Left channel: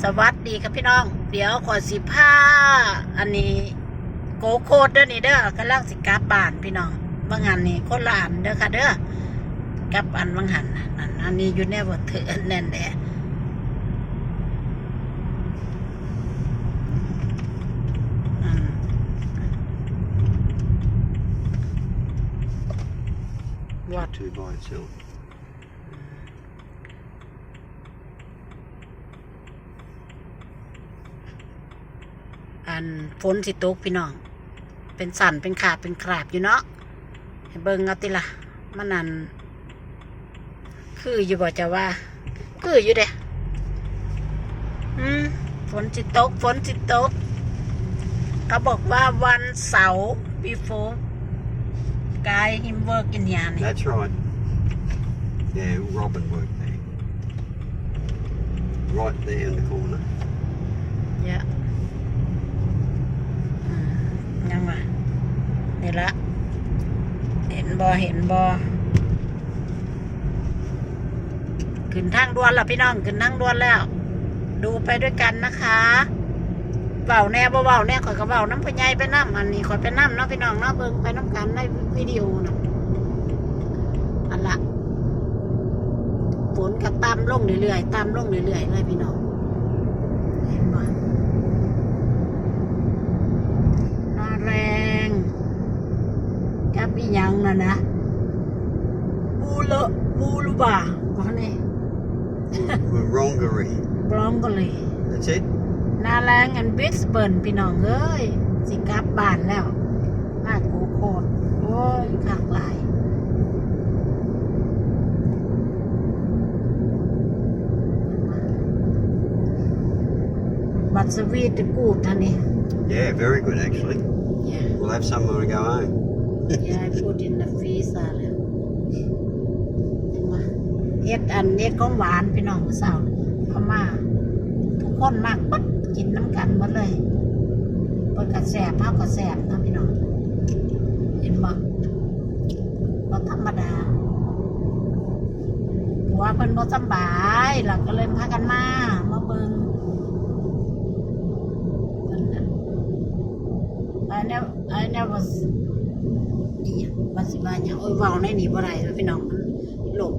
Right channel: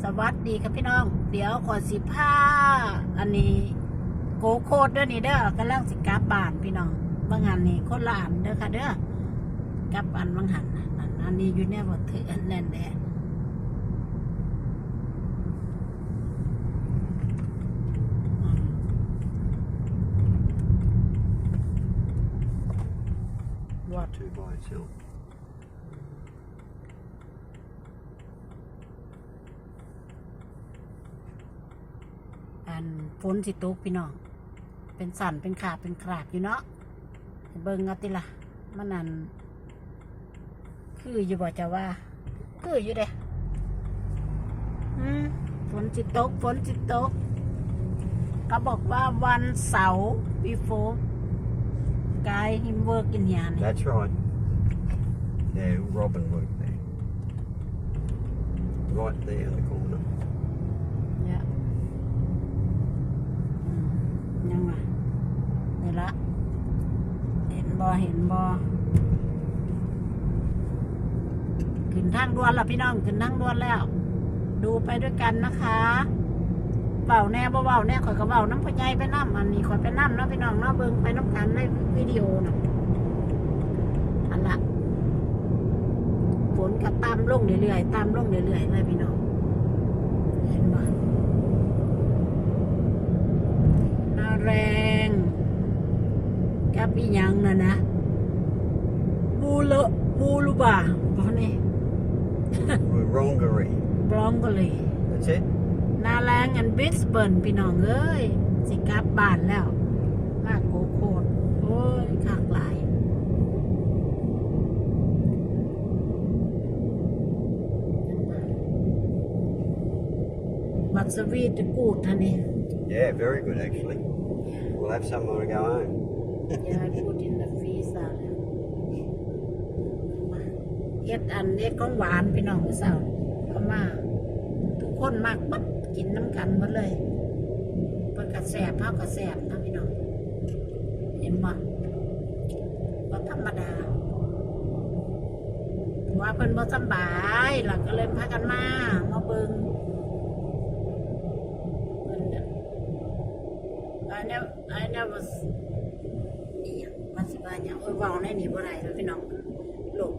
สวัสดีครับพี่น้อง เดี๋ยวขอสิผ้าอันนี้โกโคดเด้อนี่เด้อกำลังสิกลับานพี่น้องบางหันนี่คนละอันเด้อค่ะเด้อกับอันบางหันนั่นอันนี้อยู่ในบทเถือนแน่นแหละอืม What? two by itself. อันฝนสิตกพี่น้อง เป็นสันเป็นขาบเป็นคราบอยู่เนาะให้เบิ่งเอาติละมันนั่นคืออยู่บ่จะว่า คืออยู่เด้อืมฝนสิตกฝนสิตกเขาบอกว่าวันเสาร์ before guy him work in here นี่ That's right. Yeah, Robin worked there. Right there in the corner. เยอะอืมยังวะนี่ละ เห็น บอเห็นบอขึ้นทางด่วนแล้วพี่น้องขึ้นทางด่วนแล้ว ดูไปด้วยกันนะคะเบาแน่บ่เบาแน่ข่อยก็เบาน้ำพญายไปน้ำอันนี้ข่อยไปน้ำเนาะพี่น้องเนาะเบิ่งไปน้ำกันในวิดีโอนะอันละฝนก็ตามลงเรื่อยๆตามลงเรื่อยๆเลยพี่น้อง เห็นบ่นาแรง กับอีหยังน่ะนะบูเลบูลูบาบ่นี่ Wurungaree. บรองก็เลย That's it. นาแรงอันบิสเบิร์นพี่น้องเอ้ย สิกลับบ้านแล้ว มาโกโคตรโอ้ยขากหลาย บัตรสวีทกูดท่านนี่ Yeah, very good actually. Yeah. We'll have some when we go home. Yeah, I put in the freezer แล้วเฮ็ดอันเฮ็ดของหวานพี่น้องผู้สาวพม่าทุกคนมากปัดกินน้ำกันหมดเลยเพิ่นก็แซ่บเฮาก็แซ่บนะพี่น้องเห็นบ่บ่ธรรมดาผัวเพิ่นบ่สำบายเราก็เลยพากันมามาเบิ่งเพิ่นน่ะ I never I never อีหยังว่าสิว่าหยังโอ้ยเว้าในนี่บ่ได้เด้อพี่น้องมันโลก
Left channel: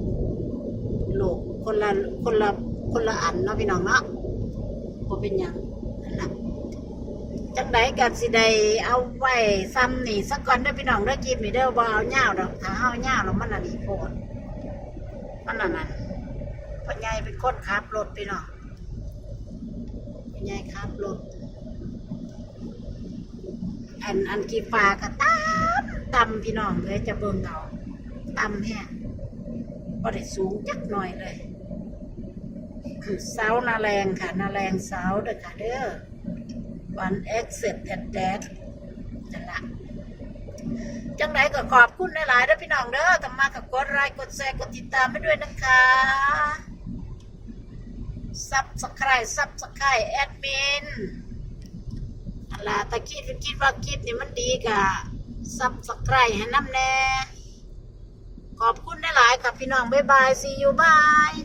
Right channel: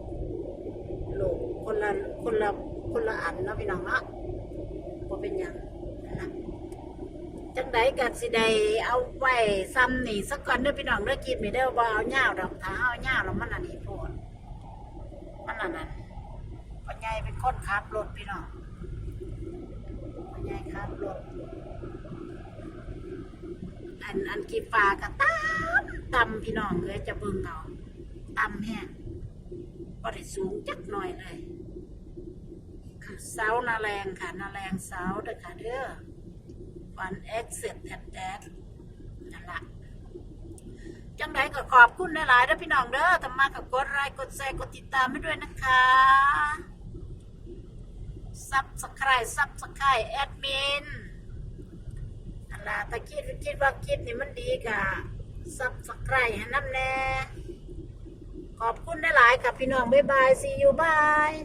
โลกคนละคนละคนละอันเนาะพี่น้องเนาะบ่เป็นหยังนั่นล่ะจังไดก็สิได้เอาไว้ซ้ำนี่สักก่อนเด้อพี่น้องเด้อคลิปนี่เด้อบ่เอายาวดอกถ้าเอายาวแล้วมันอันนี้โพดมันอันนั้นพ่อใหญ่เป็นคนขับรถพี่น้องพ่อใหญ่ขับรถ อันอันกีฟ้าก็ตำตำพี่น้องเลยจะเบิ่งเอาตำแห้งก็ได้สูงจักหน่อยเลยเสานาแรงค่ะนาแรงเสาเด้อค่ะเด้อวันเอ็กเซปแอดแดดนั่นละจังไหนก็ขอบคุณหลายๆด้อพี่น้องเด้อทำมากับกดไลค์กดแชร์กดติดตามให้ด้วยนะคะซับสไครต์ซับสไครต์แอดมินนั่น ล่ะแต่คิดคิดว่าคลิปนี้มันดีกะซับสไครให้น้ำแน่ ขอบคุณหลายค่ะพี่น้อง บ๊ายบาย see you bye